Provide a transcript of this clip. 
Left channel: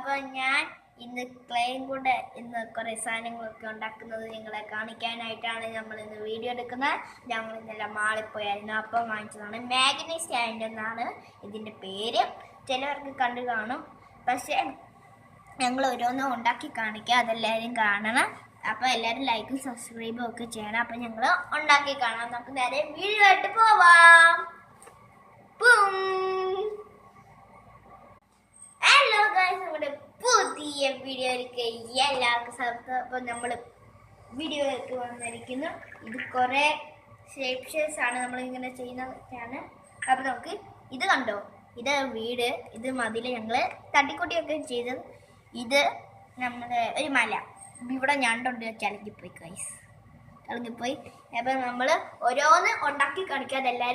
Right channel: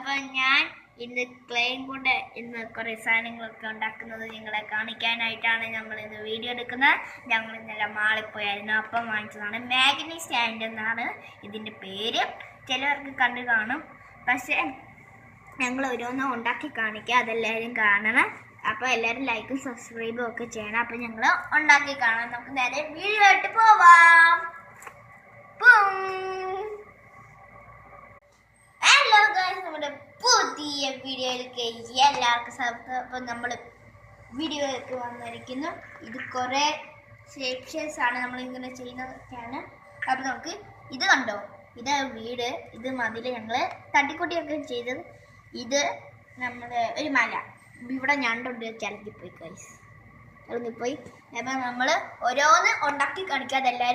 അപ്പോൾ ഞാൻ ഇന്ന് ക്ലേയും കൊണ്ട് ഇന്ന് കുറേ സാധനങ്ങളൊക്കെ ഉണ്ടാക്കുന്നത് നിങ്ങളെ കാണിക്കാനായിട്ടാണ് നമ്മൾ ഇന്ന് വീഡിയോ എടുക്കുന്നത്. ഞങ്ങൾ ഇന്നലെ മാളിൽ പോയായിരുന്നു, അപ്പം വാങ്ങിച്ചതാണ്. മാഗ്നി സ്റ്റാൻഡ് എന്നാണ് ഇതിൻ്റെ പേര്. ചിലവർക്ക് കണ്ടു കാണും, പക്ഷേ ഞങ്ങൾ ഓരോന്നും ഉണ്ടാക്കി കാണിക്കുക, അതെല്ലാവരും കാണണം. അപ്പോൾ എല്ലാവരും ലൈക്കും സബ്സ്ക്രൈബും ഒക്കെ ചെയ്യണം. അപ്പം ഞങ്ങൾ ഉണ്ടാക്കി കാണാം. നമുക്ക് നേരെ വീഡിയോ ആയിട്ട് പോവാം. ഹലോ ഗൈസ്, നമ്മുടെ പുതിയ വീഡിയോയിലേക്ക് എല്ലാവർക്കും സ്വാഗതം. അപ്പോൾ നമ്മൾ വീഡിയോയിലേക്ക് വന്നിരിക്കുന്നു. ഇത് കുറേ ഷേപ്സ് ആണ് നമ്മളിങ്ങനെ ചെയ്യുന്നതൊക്കെയാണ്. അപ്പോൾ നമുക്ക് ഇത് കണ്ടോ, ഇത് വീട്, ഇത് മതിൽ ഞങ്ങൾ തട്ടിക്കൂട്ടിയൊക്കെ ചെയ്തത്. ഇത് നമ്മുടെ ഒരു മല, ഇവിടെ ഞണ്ടുണ്ട്, ചലങ്ങിപ്പോയി ഗൈസ്, ചലങ്ങിപ്പോയി. അപ്പം നമ്മൾ ഓരോന്ന് ഉണ്ടാക്കി കാണിക്കുക, അതെല്ലാവരും